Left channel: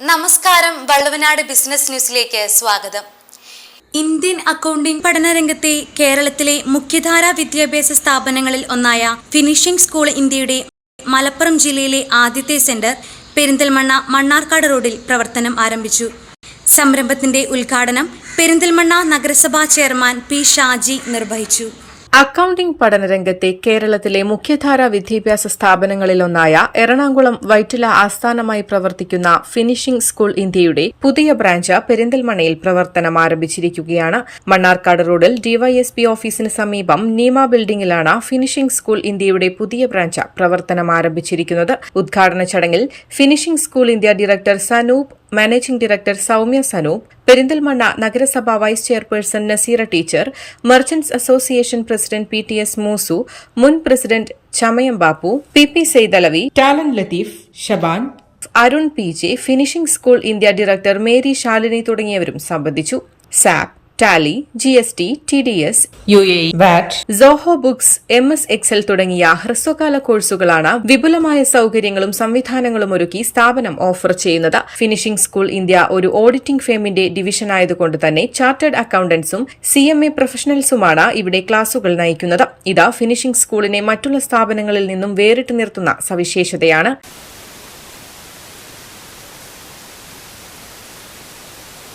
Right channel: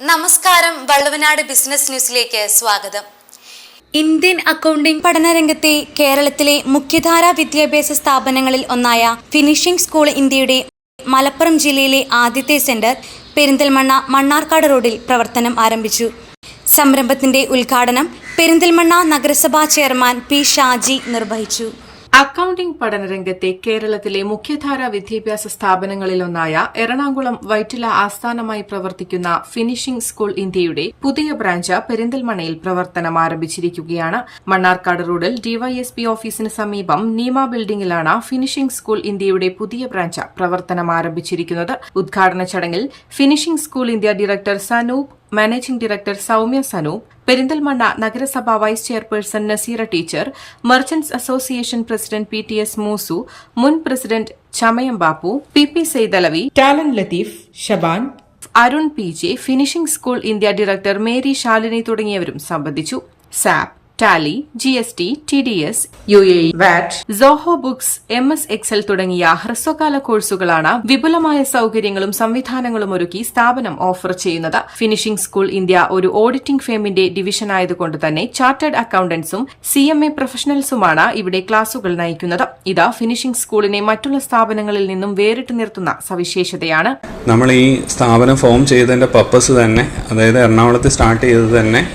നമസ്കാരം വള്ളുവനാട് ബിസിനസ് ന്യൂസിലേക്ക് സ്വാഗതം. ഇന്ത്യൻ അക്കൗണ്ടിംഗ് പഠനരംഗത്തെ കേരളത്തിലെ മുഖ്യധാരാ വിദ്യാഭ്യാസ സ്ഥാപനങ്ങളിൽ ഒന്നായ ഫിനിഷിംഗ് സ്കൂൾ ഇന്ത്യയുടെ മലപ്പുറം ജില്ലയിലെ ആദ്യത്തെ സെന്റർ പെരിന്തൽമണ്ണ മണ്ണാർക്കാട് റോഡിൽ പ്രവർത്തനം ആരംഭിച്ചു. സംരംഭത്തിന്റെ ഉദ്ഘാടനം പെരിന്തൽമണ്ണ നഗരസഭാ ചെയർമാൻ പി ഷാജി നിർവഹിച്ചു. അക്കൌണ്ടിംഗ് പഠനരംഗത്തെ കേരളത്തിലെ മുഖ്യധാരാ വിദ്യാഭ്യാസ സ്ഥാപനങ്ങളിലൊന്നായ എറണാകുളം വൈറ്റില ആസ്ഥാനമായി പ്രവർത്തിക്കുന്ന ഫിനിഷിംഗ് സ്കൂൾ ഇന്ത്യയുടെ പുതിയ ബ്രാഞ്ച് പെരിന്തൽമണയിൽ പ്രവർത്തനം ആരംഭിച്ചിരിക്കുകയാണ്. മണ്ണാർക്കാട് റോഡിൽ ഡിവൈഎസ്പി ഓഫീസിന് സമീപം നീമ ബിൽഡിംഗിലാണ് ഫിനിഷിംഗ് സ്കൂൾ ഇന്ത്യയുടെ പുതിയ ബ്രാഞ്ച് പ്രവർത്തനം ആരംഭിച്ചിരിക്കുന്നത്. ഉദ്ഘാടന ചടങ്ങിൽ finishing school India director Sanoop managing director Soumya Sanoop Perinthalmanna നഗരസഭ vice chairperson Naseera teacher merchants association president P T S Moosu മുൻ president Chamayam Bappu P P Saithalavi Talan Latheef Shaban Arun P J finishing school India director Mary Shalini തുടങ്ങിയവരും സംബന്ധിച്ചു. SAP Tally G S T T D S U A VAT Zoho books M S Excel തുടങ്ങിയ ഹ്രസ്വകാല കോഴ്സുകളാണ് വിപുലമായ സൌകര്യങ്ങളും സംവിധാനങ്ങളും ഒരുക്കി സ്ഥാപനം ഓഫർ ചെയ്യുന്നത്. ഫിനിഷിംഗ് സ്കൂൾ ഇന്ത്യ ഒരു ഓഡിറ്റിംഗ് ഫേമിന്റെ ഡിവിഷൻ ആയതുകൊണ്ട് തന്നെ ചാർട്ടേഡ് അക്കൌണ്ടന്റ്സും സി എം എ പ്രൊഫഷണൽസുമാണ് ഇവിടെ ക്ലാസുകൾ നയിക്കുന്നത്. ഇത് ഫിനിഷിംഗ് സ്കൂളിനെ മറ്റുള്ള സ്ഥാപനങ്ങളിൽ നിന്നും വേറിട്ട് നിർത്തുന്ന സവിശേഷതയാണ്. നമ്മൾ ഈ സ്ഥാപനം ഫോം ചെയ്തതിന്റെ പർപ്പസ് തന്നെ അതായത് എറണാകുളത്ത് സ്റ്റാർട്ട് ചെയ്തത് തന്നെ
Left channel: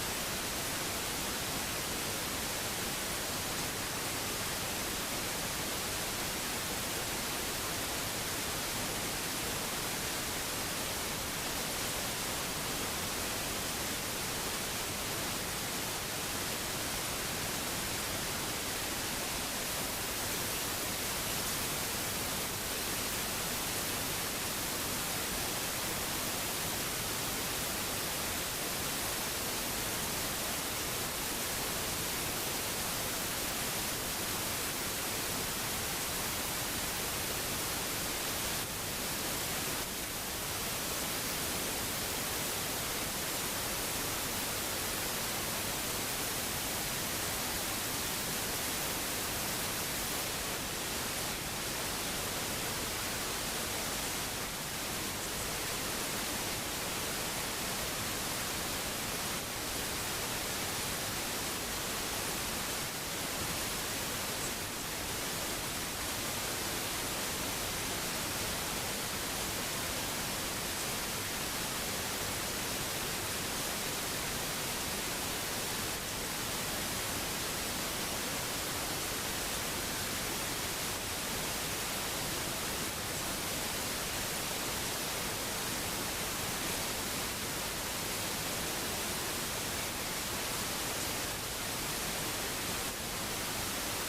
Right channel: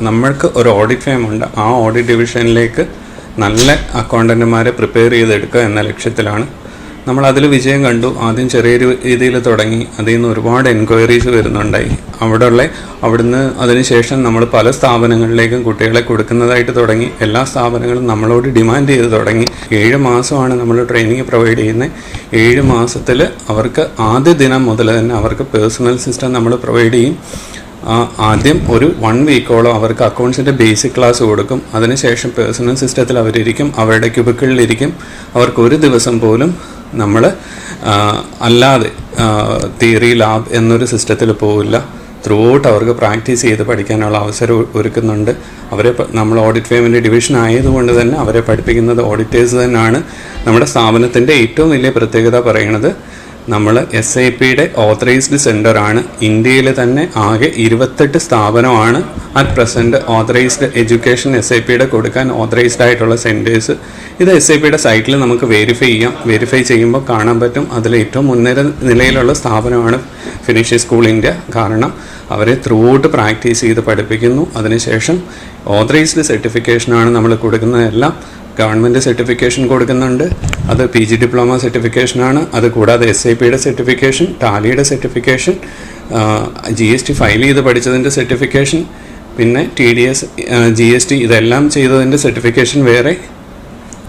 നമ്മൾക്ക് ഒരു ഓഡിറ്റ് ഫേം ഉണ്ട്. ആ ഓഡിറ്റ് ഡിവിഷനിലേക്ക് നല്ല അക്കൗണ്ടന്റുമാരെ പ്രിപ്പയർ ചെയ്തെടുക്കുക എന്ന ലക്ഷ്യത്തിലാണ് നമ്മൾ അതിൽ വിജയം കണ്ടു. ആദ്യം ചെറിയ രീതിയിൽ തുടങ്ങി. അതിൽ നിന്ന് ഒരുപാട് എൻക്വയറീസ് വരുന്നുണ്ടായി. അവിടെയുള്ള അവിടുന്ന് അതിനുശേഷം നമ്മൾ പല സ്ഥാപനങ്ങളിലേക്കും കുട്ടികളെ കൊടുക്കുന്നതായിട്ട് തുടങ്ങി. എല്ലാ സ്ഥാപനങ്ങളും നമ്മളോട് ഡിമാൻഡ് ചെയ്ത് തുടങ്ങി. ഏഴ് മാസമാണ് നമ്മൾ ട്രെയിനിങ് പ്രൊവൈഡ് ചെയ്യുന്നത്. ഏഴ് മാസത്തിൽ അവർക്ക് ആദ്യ ദിനം മുതൽ തന്നെ അവർക്ക് പേഴ്സണൽ സിസ്റ്റം നമ്മൾ പ്രൊവൈഡ് ചെയ്യും. ആദ്യം ഒരു വൺ വീക്കോളം അവർക്ക് അക്കൗണ്ട്സിന്റെ ബേസിക് ക്ലാസ് കൊടുക്കും. അതിനുശേഷം പേഴ്സണൽ സിസ്റ്റത്തിൽ അവരിരിക്കും. അവരുടെ ക്യൂബിക്കളിലിരിക്കും അവർക്ക് ഒരു ദിവസം പോലും നമ്മൾ അല്ലാതെ തിയറി ലാബ് എന്നൊരു സിസ്റ്റത്തിൽ പോവില്ല. ത്രൂ ഔട്ട് അവർക്ക് പ്രാക്ടീസ് ചെയ്ത് പഠിക്കാനുള്ള അവസരം ഒരുക്കുന്നുണ്ട്. അവരെ നമ്മൾ ഓഡിറ്റ് ഫേമിന്റെ ഡിവിഷൻ ആയതുകൊണ്ട് തന്നെ അവരെ പഠിപ്പിക്കുന്നത് ഓഡിറ്റേഴ്സ് തന്നെയാണ് നമ്മുടെ സ്ഥാപനത്തിന്റെ ഏറ്റവും വലിയ പ്രത്യേകത പറയുന്നത് നമ്മൾ എസ് ഐ പിയുടെ ഓതറൈസ്ഡ് സെന്ററാണ് ഇന്ത്യയിൽ തന്നെ ആകെ ഇരുപത്തെട്ട് സ്ഥാപനമാണ് at present authorised education S I പിയുടെ കൊടുക്കാൻ ഓതറൈസ്ഡ് ആയിട്ടുള്ള സെന്റേഴ്സ് ഇത് എസ് ഐ പിയുടെ സൈറ്റിൽ നമുക്ക് വെരിഫൈ ചെയ്യാം. വെരിഫൈ ചെയ്യുമ്പോൾ കാണാൻ പറ്റും. അതിൽ ഏറ്റവും മുൻനിര നിലയിലുള്ള സ്ഥാപനമാണ് ഫിനിഷ് സ്കൂൾ ഇന്ത്യ കാരണം അവരെ ത്രൂ ഔട്ട് പ്രാക്ടീസ് ചെയ്ത് പഠിപ്പിക്കുന്നു. അതിനുശേഷം ഓതറൈസ്ഡ് സർട്ടിഫിക്കേഷനാണ് നമ്മൾ കൊടുക്കുന്നതെല്ലാം. ഗവൺമെന്റ് സർട്ടിഫിക്കേഷൻ കൊടുക്കുന്നുണ്ട്. അത് പി ജി ഡിപ്ലോമ സർട്ടിഫിക്കേഷനാണ് അത് കൂടാതെ എസ് ഐ പിയുടെ certification ടാലിയുടെ certification G S T file ചെയ്ത് പഠിച്ചതിന്റെ സർട്ടിഫിക്കേഷൻ പിന്നെ T D S G S T ഇതെല്ലാം ചെയ്തതിന്റെ സർട്ടിഫിക്കേഷൻ വേറെ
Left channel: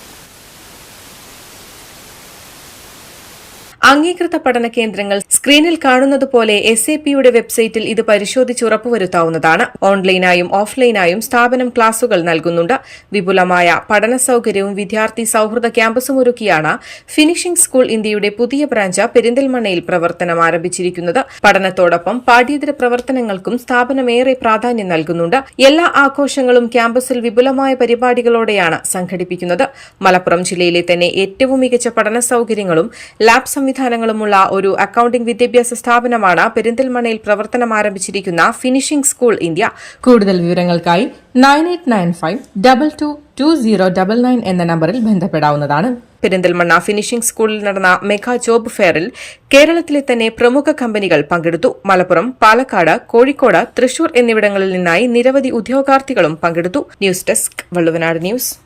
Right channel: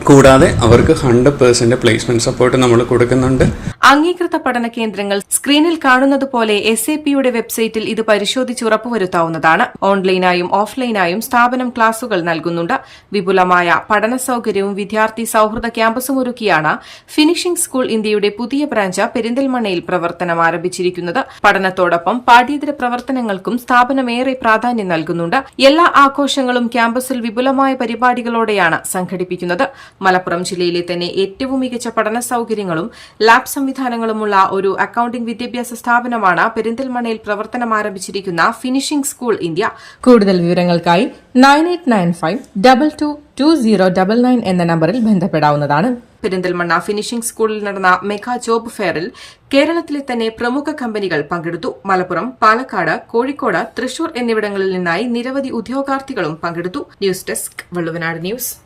കൂടാതെ അവർക്ക് ഹൺഡ്രഡ് പേഴ്സന്റ് പ്ലേസ്മെന്റ് സപ്പോർട്ട് നമ്മൾ കൊടുക്കുന്നുണ്ട്. അംഗീകൃത പഠന കേന്ദ്രങ്ങൾ സ്ക്രീനിൽ കാണുന്നത് പോലെ എസ് എ പിയുടെ വെബ്സൈറ്റിൽ ഇത് പരിശോധിച്ച് ഉറപ്പുവരുത്താവുന്നതാണ്. ഓൺലൈനായും ഓഫ്ലൈനായും സ്ഥാപനം ക്ലാസുകൾ നൽകുന്നുണ്ട്. വിപുലമായ പഠന സൌകര്യവും വിദ്യാർത്ഥി സൌഹൃദ ക്യാമ്പസും ഒരുക്കിയാണ് ഫിനിഷിംഗ് സ്കൂൾ ഇന്ത്യയുടെ പുതിയ ബ്രാഞ്ച് പെരിന്തൽമണ്ണയിൽ പ്രവർത്തനം ആരംഭിച്ചിരിക്കുന്നത്. പഠനത്തോടൊപ്പം പാഠ്യേതര പ്രവർത്തനങ്ങൾക്കും സ്ഥാപനം ഏറെ പ്രാധാന്യം നൽകുന്നുണ്ട്. എല്ലാ ആഘോഷങ്ങളും ക്യാമ്പസിൽ വിപുലമായ പരിപാടികളോടെയാണ് സംഘടിപ്പിക്കുന്നത്. മലപ്പുറം ജില്ലയിലെ തന്നെ ഏറ്റവും മികച്ച പഠന സൌകര്യങ്ങളും ലാബ് സംവിധാനങ്ങളുമുള്ള ഒരു അക്കൌണ്ടിംഗ് വിദ്യാഭ്യാസ സ്ഥാപനമാണ് പെരിന്തൽമണ്ണയിൽ പ്രവർത്തനം ആരംഭിച്ചിരിക്കുന്ന ഫിനിഷിംഗ് സ്കൂൾ ഇന്ത്യ കൂടുതൽ വിവരങ്ങൾക്കായി nine eight nine five double two two zero double nine എന്ന നമ്പറിൽ ബന്ധപ്പെടാവുന്നതാണ്. പെരിന്തൽമണ്ണ ഫിനിഷിംഗ് സ്കൂളിൽ നടന്ന മെഗാ ജോബ് ഫെയറിൽ കേരളത്തിലെ തന്നെ പ്രമുഖ കമ്പനികൾ പങ്കെടുത്തു. മലപ്പുറം പാലക്കാട് കോഴിക്കോട് തൃശൂർ എന്നിവിടങ്ങളിൽ നിന്നായി നിരവധി ഉദ്യോഗാർത്ഥികളും പങ്കെടുത്തു. News desk Valluvanad news.